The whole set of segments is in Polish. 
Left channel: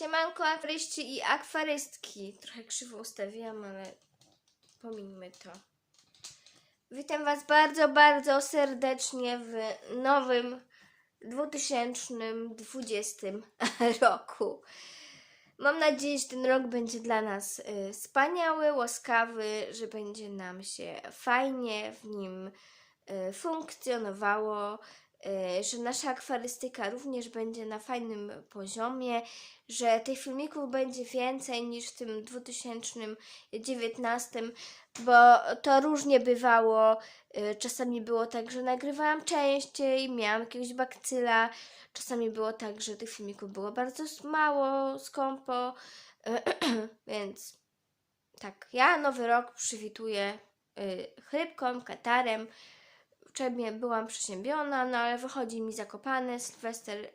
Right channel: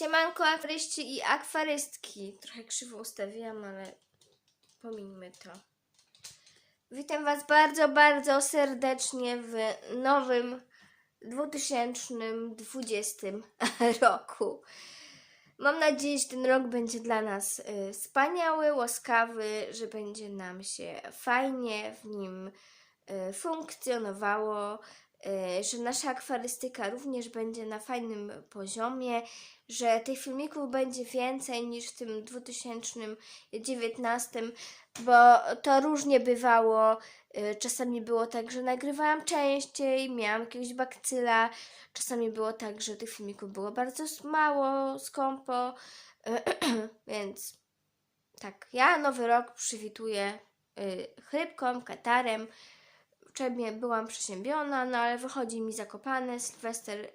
Siemanko akwaryści i akwarystki. Trochę krzywo ustawiłam, ale pomińmy to. Witam Was bardzo, bardzo serdecznie w nowym 2020 roku. Mam nadzieję, że ten rok będzie dla nas y, wspaniały, łaskawy, że będzie nam się fajnie w nim y, funkcjonowało, że nasza akwarystyka również będzie na fajnym poziomie, że tych filmików będzie więcej niż w tym 2019, bo to różnie bywało. Y, Czasami było tak, że nagrywałam częściej, miałam jakiegoś bakcyla, czasami było tak, że tych filmików było bardzo mało, skąpo, więc tak, ja nowy rok przywituję chrypką, katarem. Wczoraj byłam przeziębiona, no ale wychodzi mi zakopany, Sylwester y,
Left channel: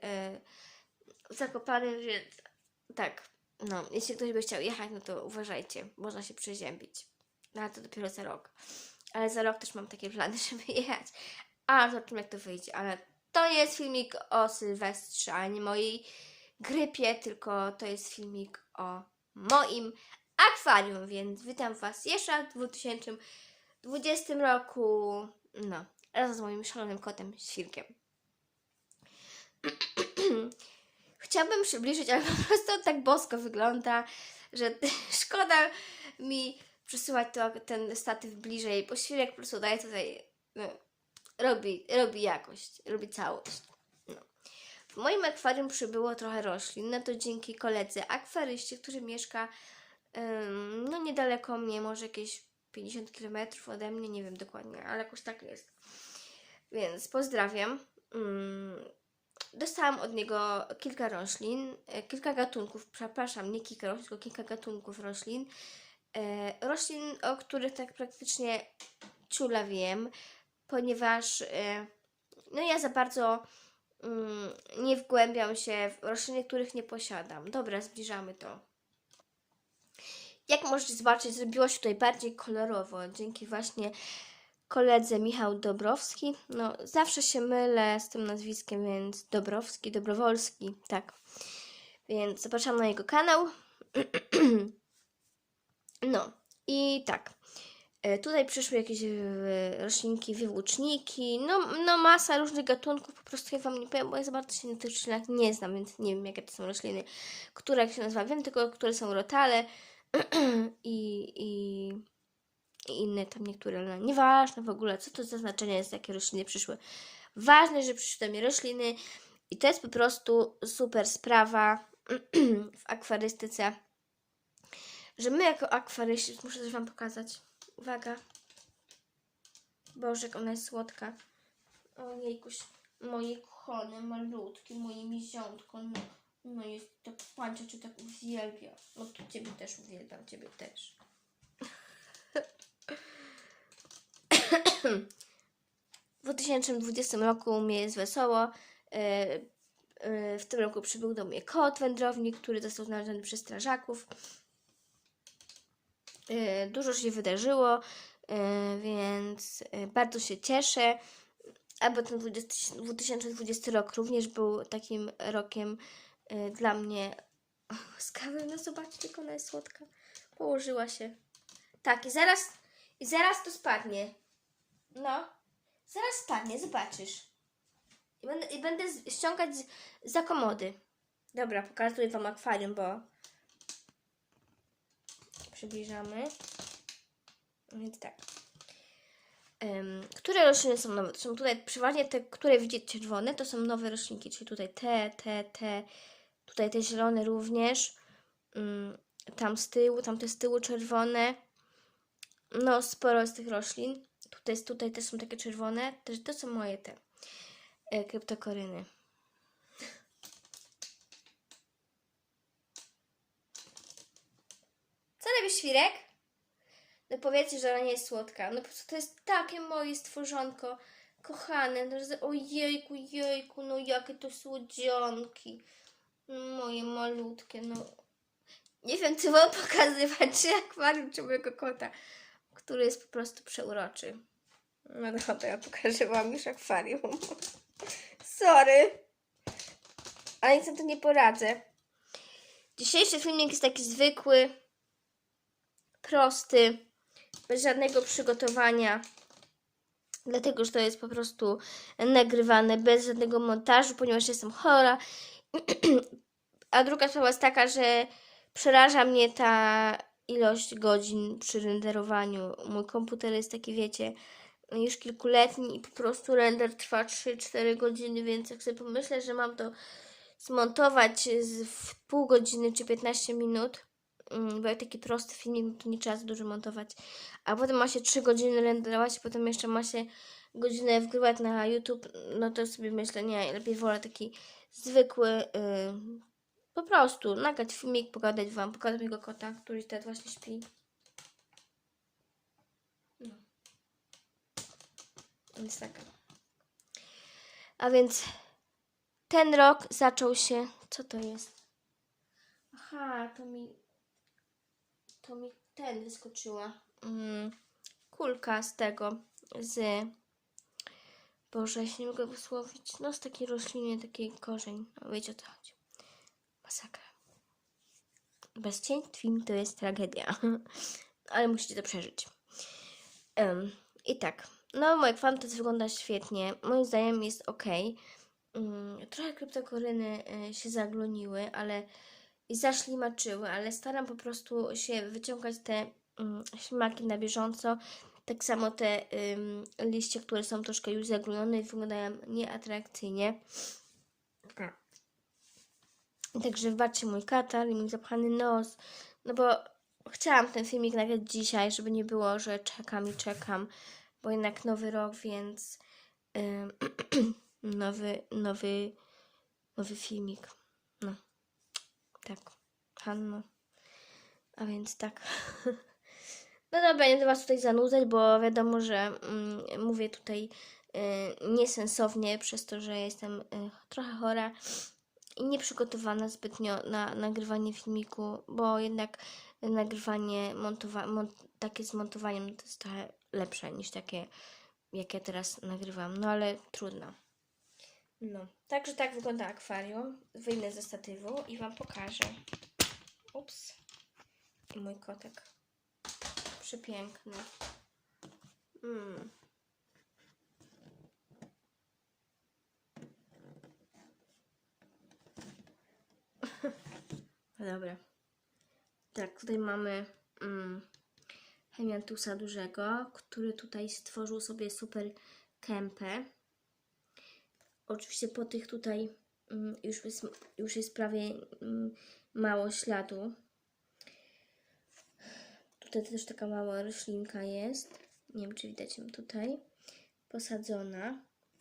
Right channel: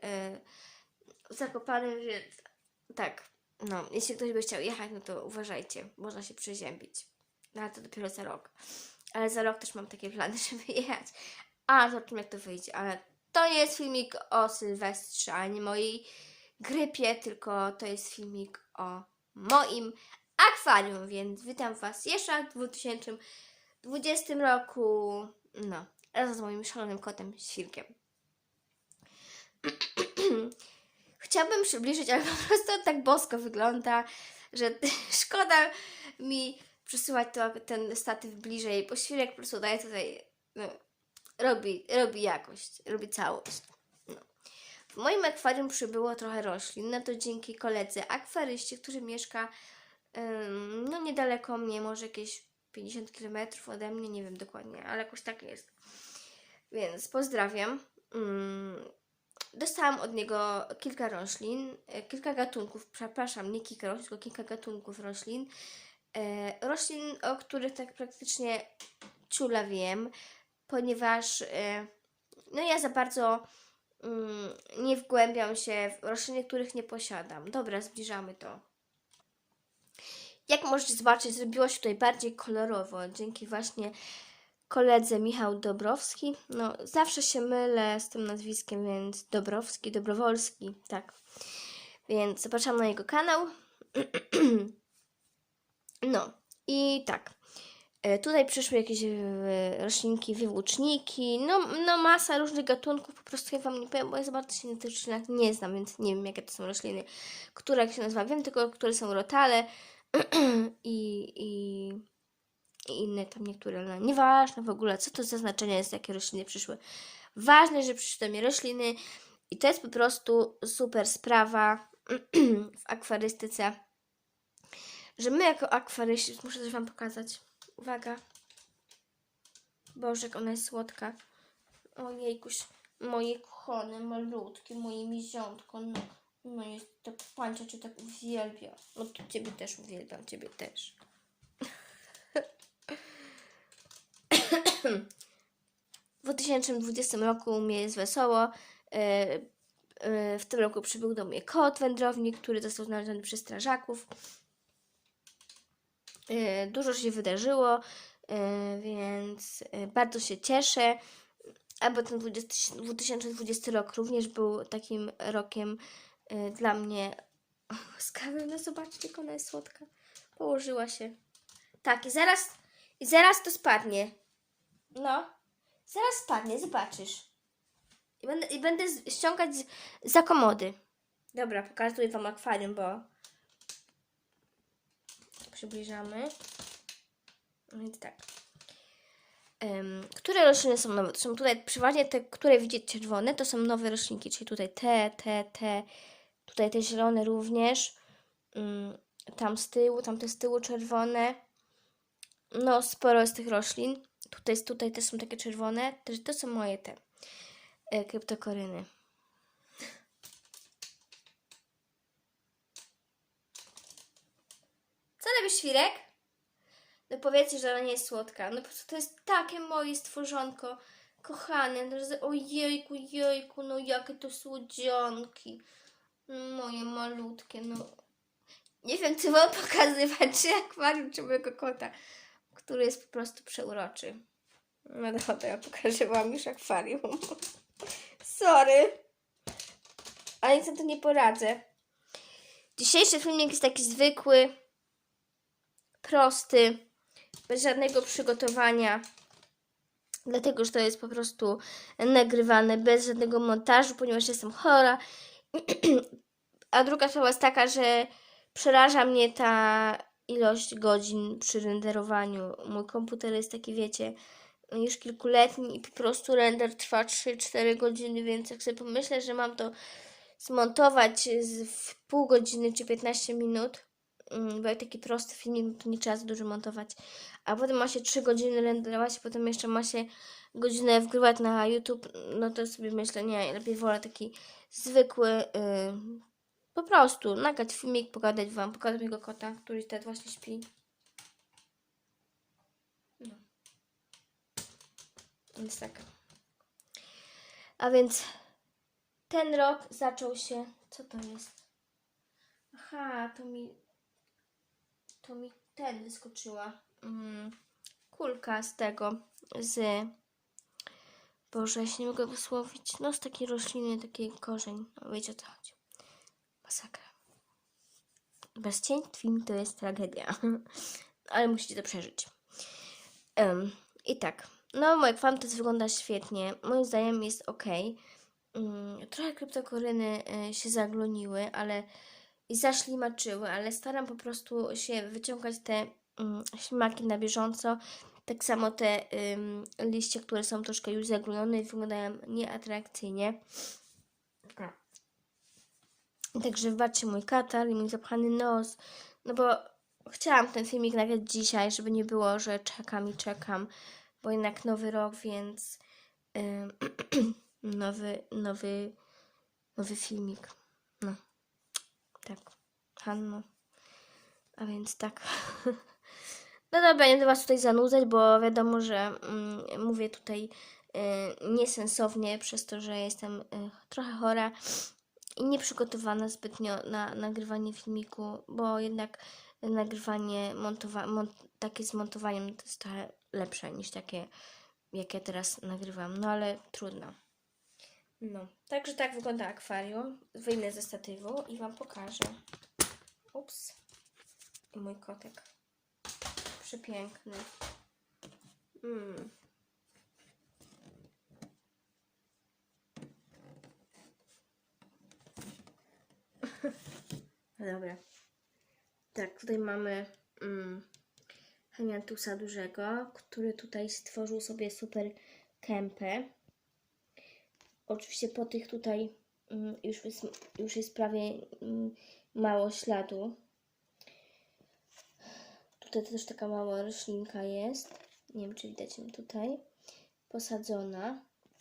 zakopany, więc tak, no, jeśli ktoś by chciał jechać, no to uważajcie, można się przeziębić. No ale to dopiero za rok. Ale za rok też mam takie plany, żeby jechać. A zobaczymy jak to wyjdzie, ale to nie jest filmik o Sylwestrze, ani mojej grypie, tylko to jest filmik o moim akwarium, więc witam Was jeszcze w 2020 roku, no, razem z moim szalonym kotem, Świrkiem. Chciałabym przybliżyć, ale po prostu on tak bosko wygląda, że szkoda mi przesuwać to, ten statyw bliżej, bo świrek po prostu daje tutaj, no, robi, robi jakość, robi całość. No. W moim akwarium przybyło trochę roślin, no to dzięki koledze akwaryście, który mieszka no niedaleko mnie, może jakieś 50 km ode mnie, nie wiem dokładnie, ale jakoś tak jest. Więc pozdrawiam. Ym, Dostałam od niego kilka roślin, e, kilka gatunków, przepraszam, nie kilka roślin, tylko kilka gatunków roślin. E, roślin, o których tak praktycznie ciula wiem, ponieważ e, no ja za bardzo mm, nie wgłębiam się w rośliny, których nie posiadam. Dobra, zbliżamy to. Jak możecie zobaczyć, zrobiło się tutaj bardziej kolorowo, dzięki właśnie koledze Michał Dobrowski. No, zawsze się mylę z tym nazwiskiem, więc Dobrowski, Dobrowolski, tak. Więc zapraszam na jego kanał. No, i tak. E, Tutaj przyszły jakieś e, roślinki, wywłóczniki, no, no masa różnych gatunków, po prostu ja Wam nie powiem, bo ja za bardzo się na tych roślinach nie znam, więc nie wiem jakie to są rośliny, które jak się nazywa, wiem tylko, które są rotale i, i, i inne tam niektóre, ale nieważne w ogóle, co to za znaczenie jest, jakie rośliny przyszły. Ważne, że przyszły do mnie rośliny i to jest po prostu super sprawa w akwarystyce, że my jako akwaryści, muszę też Wam pokazać, uwaga, Boże, jak ona jest słodka, ojejkuś, moje kochane, malutkie, moje miziątko, no, no jest tak, pancia Cię tak uwielbia, no to Ciebie też uwielbiam, Ciebie też. W 2020 roku mnie jest wesoło. E, e, W tym roku przybył do mnie kot wędrownik, który został znaleziony przez strażaków. E, Dużo się wydarzyło, więc bardzo się cieszę. Albo ten 20, 2020 rok również był takim rokiem dla mnie łaskawym. No zobaczcie, jak ona jest słodka. Położyła się. Tak, i zaraz, i zaraz to spadnie. No, zaraz spadnie, zobaczysz. I będę, i będę ściągać z, za komody. Dobra, pokazuję Wam akwarium, bo przybliżamy. Więc tak. Em, które rośliny są nowe? To są tutaj przeważnie te, które widzicie czerwone, to są nowe roślinki, czyli tutaj te, te, te, tutaj te zielone również. Mm, tam z tyłu, tam te z tyłu czerwone. No, sporo jest tych roślin. Tutaj, tutaj też są takie czerwone. Też to są moje te e, kryptokoryny. Co robisz, świrek? No powiedzcie, że ona nie jest słodka. No po prostu to jest takie moje stworzonko. Kochane. No, Ojejku, jejku, no jakie to słodzianki. No, moje malutkie, no. Nie wiem, czy mam pokazywać, czy akwarium, czy mojego kota, który jest po prostu przeuroczy. No dobra, ja pokażę wam już akwarium. Sorry. Ale nic na to nie poradzę. Dzisiejszy filmik jest taki zwykły, prosty, bez żadnego przygotowania. Dlatego, że to jest po prostu nagrywane bez żadnego montażu, ponieważ jestem chora. A druga sprawa jest taka, że przeraża mnie ta ilość godzin przy renderowaniu. Mój komputer jest taki, wiecie, już kilkuletni i po prostu render trwa 3-4 godziny, więc jak sobie pomyślę, że mam to zmontować w pół godziny czy 15 minut, mm, bo jak taki prosty filmik, no to nie trzeba za dużo montować, a potem ma się 3 godziny renderować, potem jeszcze ma się godzinę wgrywać na YouTube, no to sobie myślę, nie, lepiej wolę taki zwykły, y, po prostu nagrać filmik, pogadać wam, pokazać mojego kota, który teraz właśnie śpi. No. Więc tak. A więc ten rok zaczął się. Co to jest? Aha, to mi. To mi ten wyskoczyła. Mm, kulka z tego. Z. Boże, ja się nie mogę wysłowić. No, z takiej rośliny, takiej korzeń. No, wiecie o co chodzi. Masakra. Bez film to jest tragedia. Ale musicie to przeżyć. Em, I tak. No, moje kwantus wygląda świetnie. Moim zdaniem jest ok. Mm, trochę kryptokoryny y, się zagloniły, ale i zaślimaczyły, ale staram po prostu się wyciągać te mm, ślimaki na bieżąco. Tak samo te ym, liście, które są troszkę już zaglonione i wyglądają nieatrakcyjnie. Także wybaczcie mój katar i mój zapchany nos, no bo chciałam ten filmik nagrać dzisiaj, żeby nie było, że czekam i czekam, bo jednak nowy rok, więc ym, nowy, nowy, nowy filmik. No, tak, Hanno. A więc tak. No dobra, nie będę Was tutaj zanudzać, bo wiadomo, że mm, mówię tutaj y, niesensownie przez to, że jestem y, trochę chora i nieprzygotowana zbytnio na nagrywanie filmiku, bo jednak nagrywanie, montowa- mon- takie z montowaniem to jest trochę lepsze niż takie, jakie teraz nagrywam. No ale trudno. No, także tak wygląda akwarium. Wyjmę ze statywu i Wam pokażę. Ups. I mój kotek. Przepiękny. Mm. Dobra. Tak, tutaj mamy mm, Hemiantusa dużego, który tutaj stworzył sobie super kępę. Oczywiście po tych tutaj mm, już, jest, już jest prawie mm, mało śladu. Tutaj też taka mała roślinka jest. Nie wiem, czy widać ją tutaj. Posadzona.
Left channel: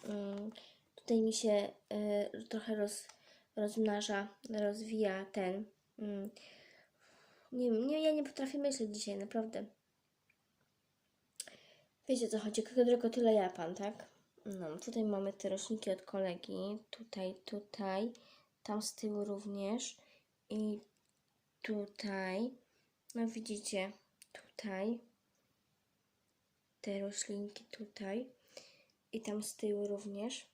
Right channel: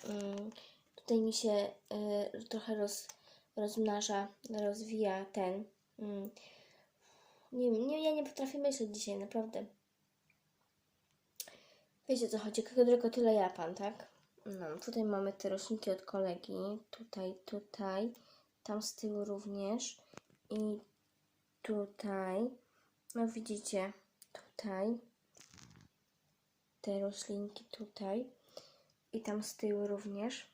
Mm, Tutaj mi się y, trochę roz, rozmnaża, rozwija ten. mm, Nie nie, ja nie potrafię myśleć dzisiaj, naprawdę. Wiecie co chodzi, tylko tyle Japan, tak? No, tutaj mamy te roślinki od kolegi. Tutaj, tutaj. Tam z tyłu również. I tutaj. No widzicie, tutaj. Te roślinki tutaj. I tam z tyłu również.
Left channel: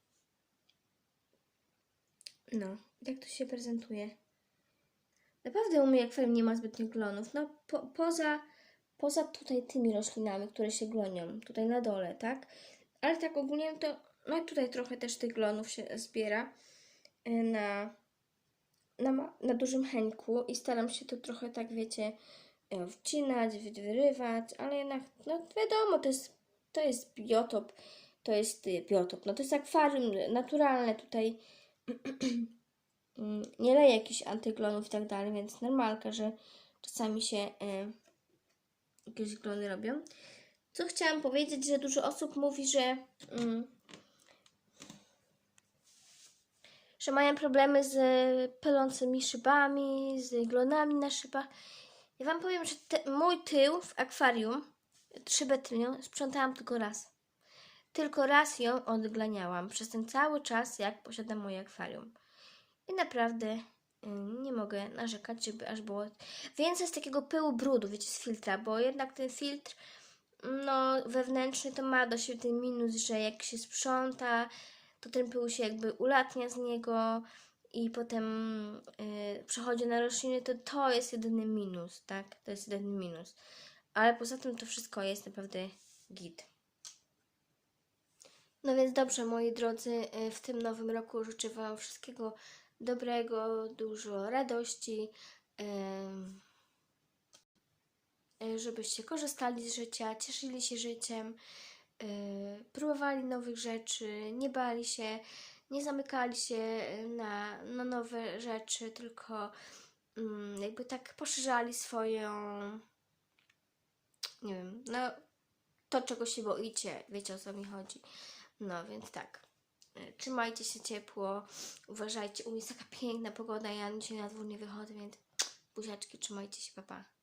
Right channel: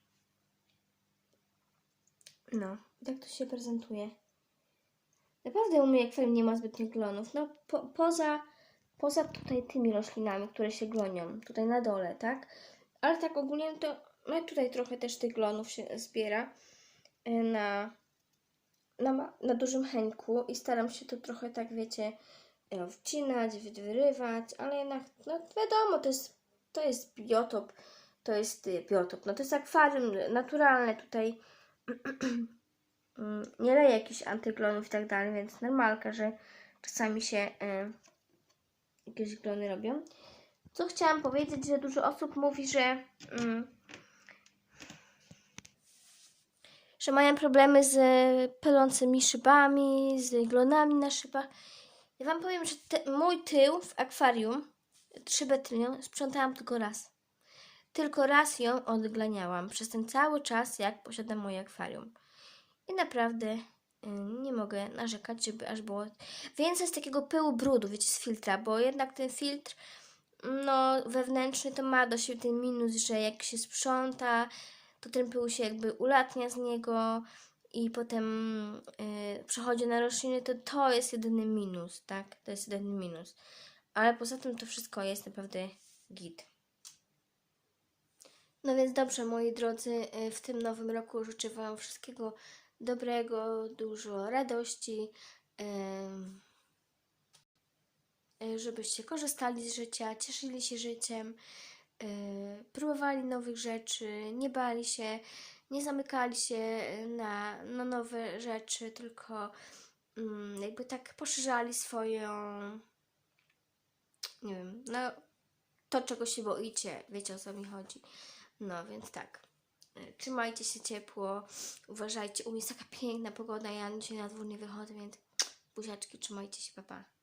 No, tak to się prezentuje. Naprawdę u mnie akwarium nie ma zbytnio glonów. No, po, poza, poza tutaj tymi roślinami, które się glonią. Tutaj na dole, tak? Ale tak ogólnie to no tutaj trochę też tych glonów się zbiera y, na, na, na dużym henku i staram się to trochę tak, wiecie, y, wcinać, wy- wyrywać, ale jednak, no wiadomo, to jest, to jest biotop, to jest y, biotop, no to jest akwarium naturalne tutaj, nie leję jakichś antyglonów i tak dalej, więc normalka, że czasami się y, jakieś glony robią. Co chciałam powiedzieć, że dużo osób mówi, że mm, że mają problemy z pylącymi szybami, z glonami na szybach. Ja Wam powiem, że te, mój tył w akwarium, szybę tylnią, sprzątałam tylko raz. Tylko raz ją odglaniałam przez ten cały czas, jak posiadam moje akwarium. I naprawdę y, nie mogę narzekać, żeby aż było więcej z takiego pyłu brudu, wiecie, z filtra, bo jednak ten filtr no, wewnętrzny to ma do siebie ten minus, że jak się sprząta, to ten pył się jakby ulatnia z niego i potem yy, przechodzi na rośliny, to to jest jedyny minus, tak? To jest jedyny minus. Ale poza tym to wszystko jest naprawdę git. No więc dobrze, moi drodzy, y, w tym nowym roku życzę Wam wszystkiego dobrego, dużo radości, ym, y, żebyście korzystali z życia, cieszyli się życiem, y, próbowali nowych rzeczy, nie bali się, nie zamykali się na, na nowe rzeczy, tylko mm, jakby tak poszerzali swoją, nie wiem, no to, czego się boicie, wiecie o co mi chodzi. No więc tak. Trzymajcie się ciepło, uważajcie. U mnie jest taka piękna pogoda, ja dzisiaj na dwór nie wychodzę, więc buziaczki, trzymajcie się, papa. Pa.